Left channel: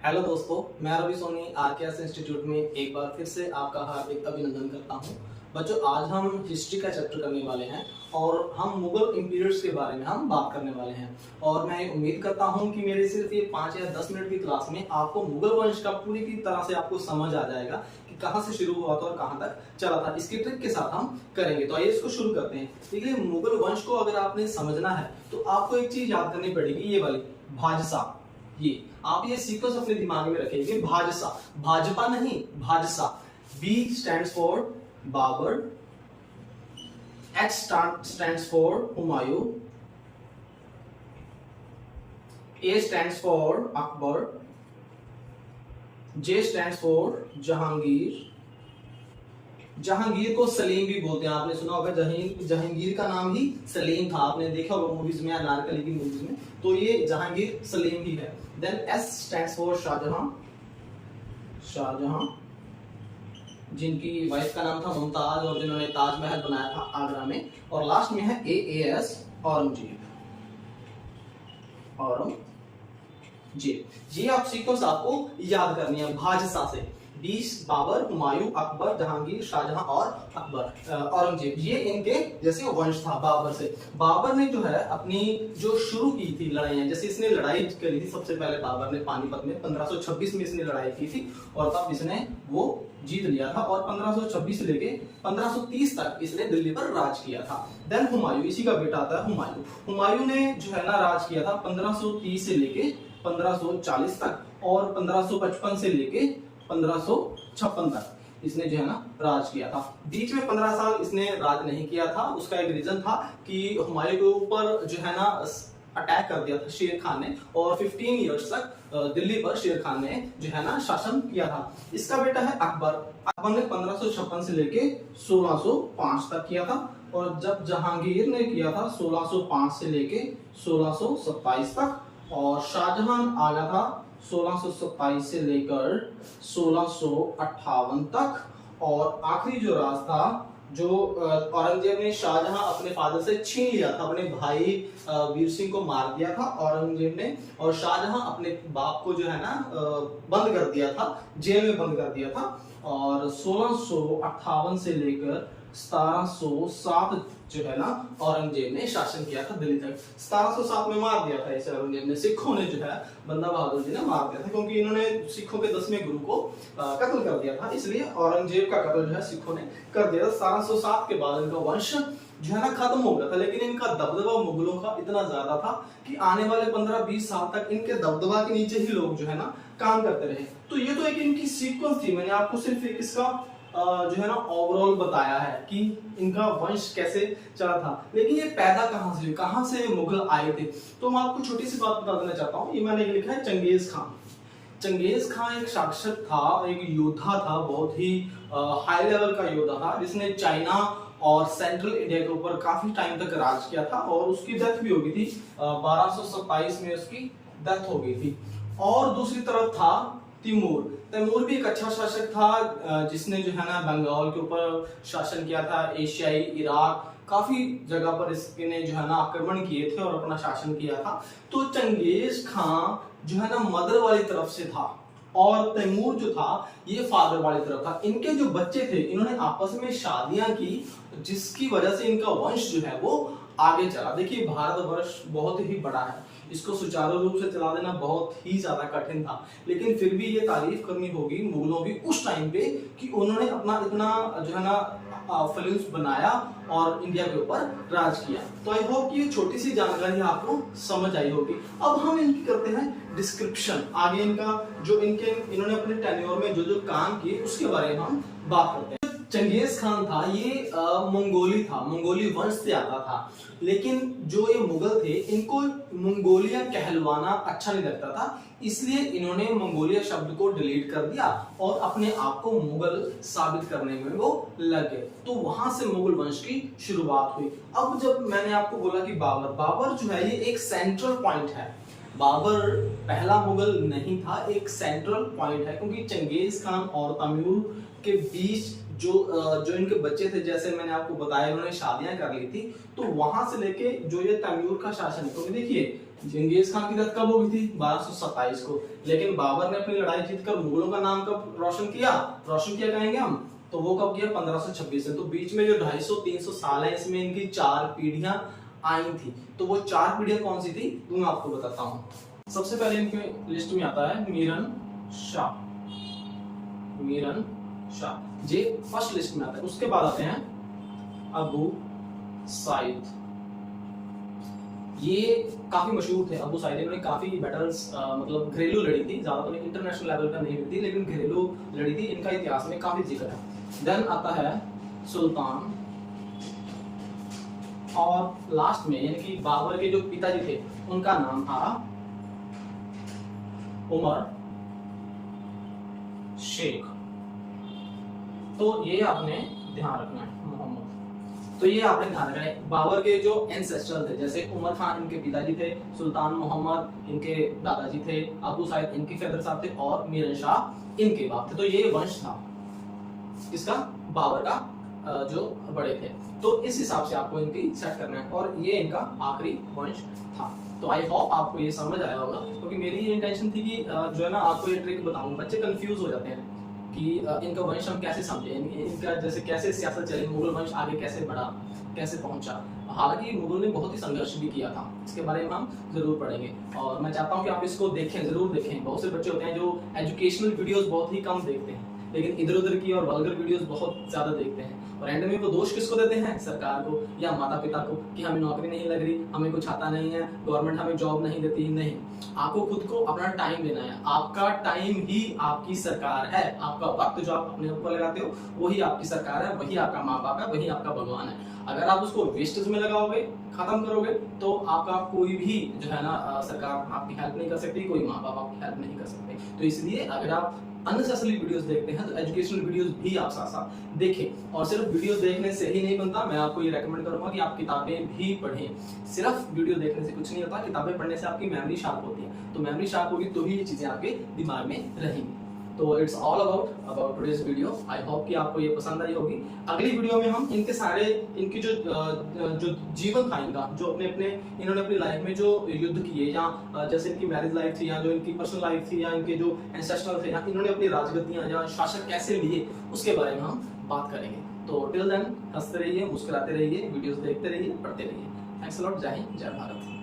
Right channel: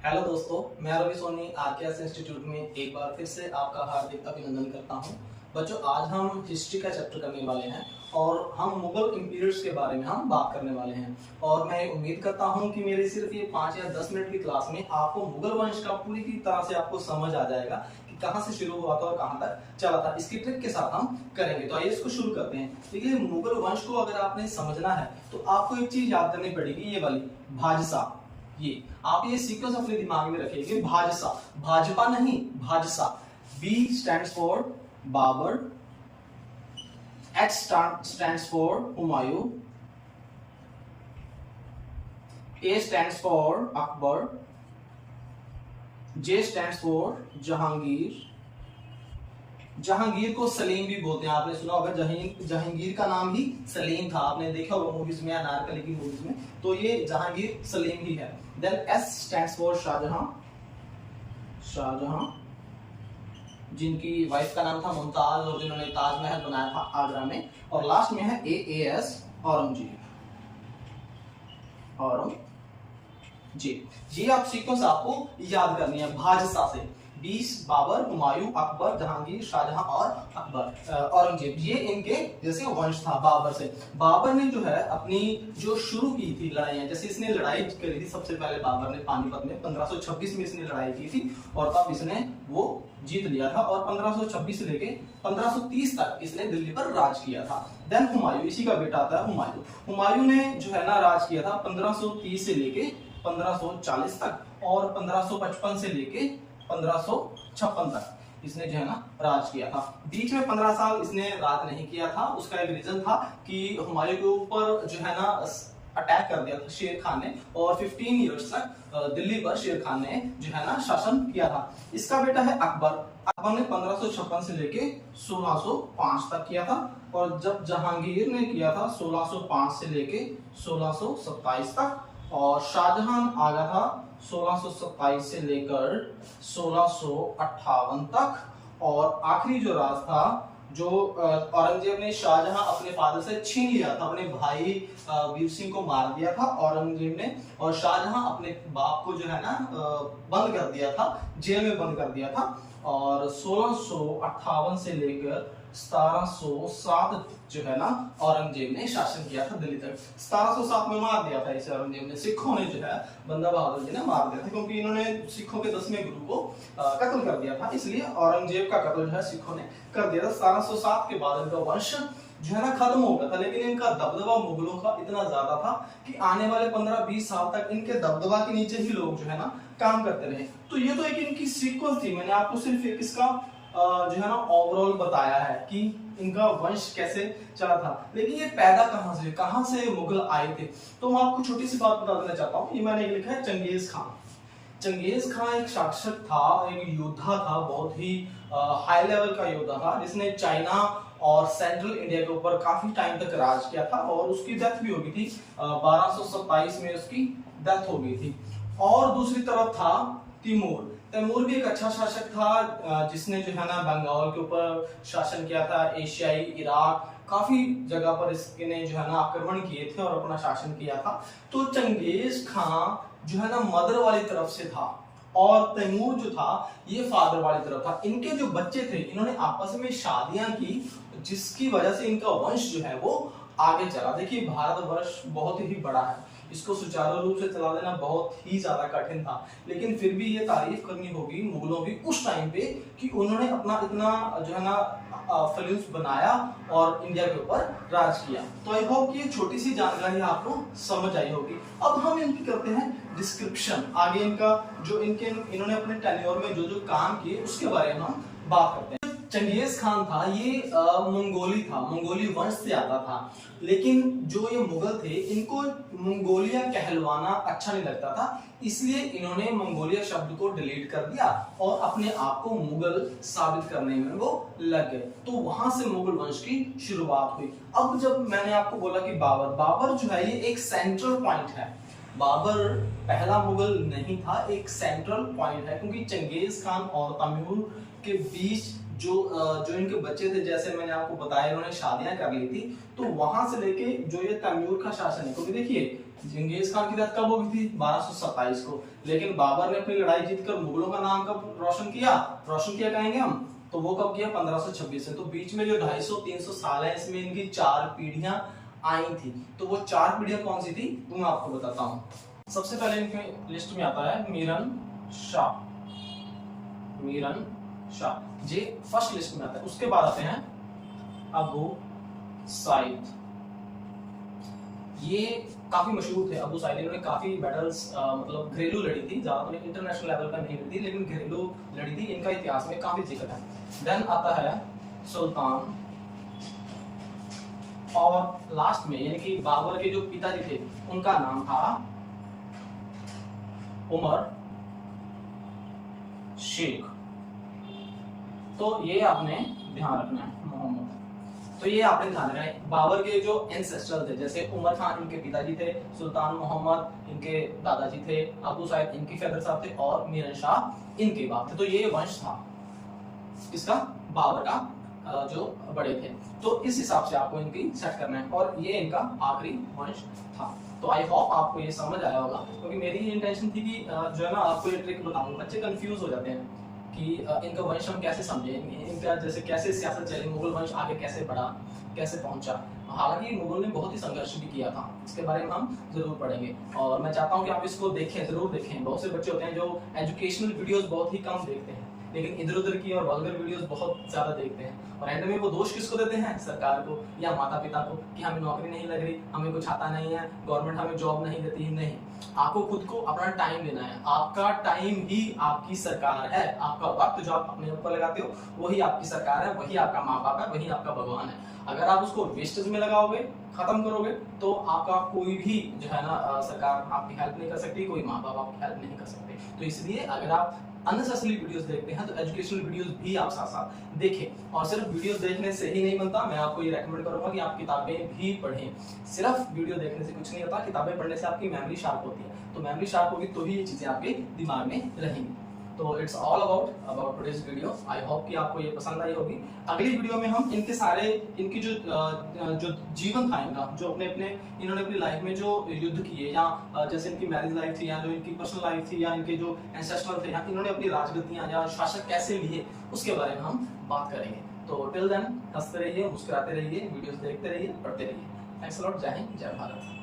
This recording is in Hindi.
हेलो दोस्तों, मैं रवि सोनी आरकेएस इंस्टीट्यूट में एक बार फिर से आपका हार्दिक अभिनंदन करता हूं। बच्चों, आज हम हिस्ट्री का चैप्टर करने वाले हैं और हम मुगल एम्पायर्स के बारे में हम बात करने वाले हैं। और मैं उम्मीद करता हूं कि मेरे सिर्फ ये 5 या 10 मिनट की क्लास में आपको मुगल वंश का पूरी की तरह से आपको समझ आ जाएगा कि कहां से शुरू हुआ था और कहां तक चला था। इसकी ट्रिक के साथ हम करेंगे। तो आइए इसको शुरू करते हैं। देखिए, मुगल वंश को अगर आपने समझना है तो आपको एक चीज याद करनी पड़ेगी, ये वाली भाजसा। ये आप ये सीक्वेंस अपने दिमाग में रखिएगा, भाजसा, भाजपा नहीं, भाजसा। B stands for Babar, H stands for Humayun, A stands for Akbar, J stands for Jahangir. Jahangir को सलीम भी बोलते हैं, आपने सुना होगा जहांगीर का नाम ही सलीम था, आपने देखा होगा मूवीज में, अनारकली की मूवीज में। तो ये जहांगीर सलीम ही है। Then S stands for Shahjahan, Shahjahan जिनकी वाइफ का नाम था मुमताज और जिन्होंने ताजमहल बनाया था आगरा में। और लास्ट में है AAS औरंगजेब, औरंगजेब। ये आप सीक्वेंस आपको याद करनी है भाजसा से। 20 बाबर, हुमायूं, अकबर, जहांगीर, शाहजहां और अकबर, औरंगजेब। ये इनके जैसे वंश था बाबर से। बाबर ने जो है अपनी जो शुरू की थी लड़ाइयां, जैसे इसने लड़ाई करी थी सबसे पहले बाबर ने पानीपत में 1526 में इसने लड़ाई की थी और तब इसने वो जीत लिया था। और 1526 से लेके 1530 तक इसने दिल्ली पर राज किया था। देन हुमायूं, इसी का बेटा आता है हुमायूं। हुमायूं ने जो है ना राज किया था 1530 से लेके 1540 तक और 1555 से लेके 1556 तक इसने जो है ना राज किया था। बीच में 15 साल इसने राज नहीं किया था। उसका एक रीजन था कि हुमायूं के ऊपर जो है ना अटैक कर दिया था शेर खान ने और 15 इयर्स तक दिल्ली पर शेर खान ने जो है ना शासन किया था। इसका बेटा है अकबर। अकबर ने 1556 से लेके 1605 तक किया था। और जब जहांगीर ने किया था 1605 से लेके 1627 तक। और शाहजहां आ गया था 1627 से लेकर 1658 तक। और आखिरी जो राज था जो औरंगजेब ने शाहजहां अपने फादर से छीन लिया था, अपने भाई वीर सिंह को मार दिया था औरंगजेब ने। और शाहजहां अपने बाप को जो है ना बंद कर दिया था, जेल में बंद कर दिया था। और 1658 से लेकर 1707 जो है ना औरंगजेब ने शासन किया था दिल्ली तक। 1707 में मार दिया था इसे औरंगजेब ने। सिखों ने जो है बंदा बहादुर जी ने मार दिया था, क्योंकि इन्होंने सिखों के 10वें गुरु को कत्ल कर दिया था। इसलिए औरंगजेब का कत्ल जो है सिखों ने कर दिया था। 1707 के बाद इनका वंश जो है ना खत्म हो गया था। लेकिन इनका दबदबा मुगलों का इतना ज्यादा था कि आने वाले 15-20 साल तक इनके दबदबा के नीचे ही लोग जो है ना काम करते रहे। तो ये तो एक इनकी सीक्वेंस थी। मैंने आपको सिर्फ एक इसका जो है ना ओवरऑल बताया है कि इनका वंश कैसे चला था। लेकिन ये पैदा कहां से मुगल आए थे, तो मैं आपको छोटी सी बात बता देना चाहता हूँ। ये मैंने लिखा है चंगेज खान। चंगेज खान एक शासक था, एक योद्धा था, बहुत ही हाई लेवल का योद्धा था, जिसने चाइना और सेंट्रल इंडिया के ऊपर काफी टाइम तक राज किया था। और उसकी डेथ भी हो गई थी 1227 में उसकी डेथ हो गई थी। और दूसरी तरफ था तिमूर। तैमूर भी एक अच्छा शासक था, जिसने जो है ना बंगाल के ऊपर शासन किया था। एशियाई इराक काफी जगह पर इसने जो है ना आक्रमण किए थे और अपना शासन किया था। तो चंगेज खान जो है ना मदर वाली तरफ से था और तैमूर जो था ये फादर वाली तरफ था। इनके जो बच्चे थे इन्होंने आपस में शादियां की, जिसकी वजह से इनका वंश जो है वो आगे चला। देखिए, भारतवर्ष बहुत ही बड़ा है, इसको सुचारू रूप से चला देना बहुत ही ज्यादा कठिन था। लेकिन फिर भी ये तारीफ करनी होगी मुगलों की उस टाइम पे कि उन्होंने अपना इतना जो है ना फ्लूस बनाया और इंडिया के ऊपर राज किया। तो आई होप कि ये छोटी सी जानकारी आपको समझ आई होगी। अब हम इनकी करते हैं डिस्क्रिप्शन। आगे इनका जो इन्होंने अपने टेन्योर में जो जो काम किए उसके बारे में हम बात करते हैं। चंगेज खान था ये मंगोली था, मंगोली वंश से आता था। लेकिन जो ये मुगल थे इनको मंगोलिया कहलवाना अच्छा नहीं लगता था, इसलिए इन्होंने मंगोलिया शब्द को डिलीट कर दिया और अपने आप को मुगल साबित करने में वो लग गए। तो वहां से मुगल वंश की शुरुआत हुई। अब जब मैंने आपको बोला कि बाबर जो है ये एक सेंट्रल पॉइंट है। बाबर पहला मुगल नहीं था, एक सेंट्रल पॉइंट है, क्योंकि चंगेज खान और तैमूर के बीच जो इनके बच्चे थे, जैसे मैंने आपको बताया इन्होंने शादियां कर ली थी, तो वहां से लेके जो ये तैमूर का शासन है, तो देखिए चंगेज खान की डेथ कब हो गई थी 1227 को, लेकिन बाबर ने अपनी लड़ाई जीतकर मुगलों का नाम कब रोशन किया कहेंगे हम, तो वो कब किया 1526 में। तो बीच में जो 250-300 साल है इसमें इनकी 4 पीढ़ियां आई थी। तो वो 4 पीढ़ियां कौन सी थी वो मैं आपको बताता हूँ। सबसे पहले इनकी लिस्ट में आता है मीरन शाह, ये फर्स्ट लिस्ट में आता है। उसके बाद आते हैं अबू साइद, ये काफी मशहूर थे अबू साइद, इन्होंने काफी बैटल्स मतलब घरेलू लड़ी थी, ज्यादा इंटरनेशनल लेवल पर नहीं लड़ी थी, लेकिन घरेलू लड़ी थी, इनका इतिहास में काफी जिक्र है। देन आता है सुल्तान, और लास्ट में यानी कि बाबर के जो पिताजी थे उनका नाम था उमर शेख। तो ये आपने ध्यान रखना है, मोहम्मद, तो ये आपने ध्यान रखना है। बाबर के जो एंसेस्टर थे, जैसे उमर खान इनके पिताजी थे, सुल्तान मोहम्मद इनके दादाजी थे, अबू साइद इनके फादर साहब थे, और मीरन शाह इनके बाप थे। तो ये वंश था इसका, बाबर का जो बड़े थे। तो इस हिसाब से आपको इनकी सेट करना है, और ये इनका आखिरी वंश था। तो आई होप आपको ये समझ आया होगा, क्योंकि मेरी ये इंटेंशन थी कि जो है ना आपको ये ट्रिक बताऊं, बच्चे कंफ्यूज हो जाते हैं कि इनका वंश हम कैसे समझे, इनका जैसे कैसे सियासत चली, मुगल वंश आगे कैसे बढ़ा, कैसे पहुंचा। हालांकि मुगल ने बहुत ही संघर्ष भी किया था, इसके बारे में हम जरूर पढ़ेंगे, और मैं चाहता हूं कि आप इसको देखें, जरूर देखें। बहुत से बच्चे होते हैं जो एजुकेशनल वीडियोस बहुत ही कम देखते हैं, लेकिन इधर उधर की और वल्गर वीडियोस बहुत ज्यादा देखते हैं, और एंड में वो दोष किसको देते हैं, सरकार को या माता पिता को, कि हमें नौकरी नहीं लग रही, हमें कुछ आता नहीं है, गवर्नमेंट हमें जॉब नहीं देती। नहीं, आपको खुद को अपना टाइम देना है, आपका टाइम ही आपकी सरकार है, आपका वक्त जो आप अपने ऊपर लगाते हो वही आपकी सरकार है, वही आपका माँ बाप है, वही आपका भगवान है। अगर आप उसको वेस्टेज में लगाओगे, खत्म करोगे, तो आपका कोई भी जो है ना सरकार आपकी हेल्प नहीं कर सकती, कोई माँ बाप आपकी हेल्प नहीं कर सकते। तो इसलिए अगर आप अननेसेसरी वीडियोस देखते हैं तो एजुकेशनल वीडियोस भी आप साथ साथ देखें, और सिर्फ वीडियोस देखने से ही नहीं बनता। मैं आपको ये रेकमेंड करूंगा कि आप किताबें भी पढ़ें, सिर्फ वीडियो देखने से कुछ नहीं होता, किताबें पढ़ने से आपकी मेमोरी शार्प होती है, तो मेमोरी शार्प होगी तो ही ये चीजें आपके दिमाग में रहेंगी। तो it's all about today's video. I hope कि आपको ये पसंद आई होगी। अगली वीडियो में हम इनके सारे इनकी जो जीवन था इनका, जो इन्होंने अपनी लाइफ में जो युद्ध किए, या जैसे इनकी मैरिज लाइफ थी, या जो इनकी पर्सनल लाइफ थी, या इनके जो एंसेस्टर थे, या इन्होंने अपनी राजगद्दियां या शासक कैसे लिए, उसके बारे में हम बात करेंगे। तो टिल देन हंसते रहिए, मुस्कुराते रहिए, वीडियोस देखते रहिए, पढ़ते रहिए। Thanks a lot. जय हिंद, जय भारत।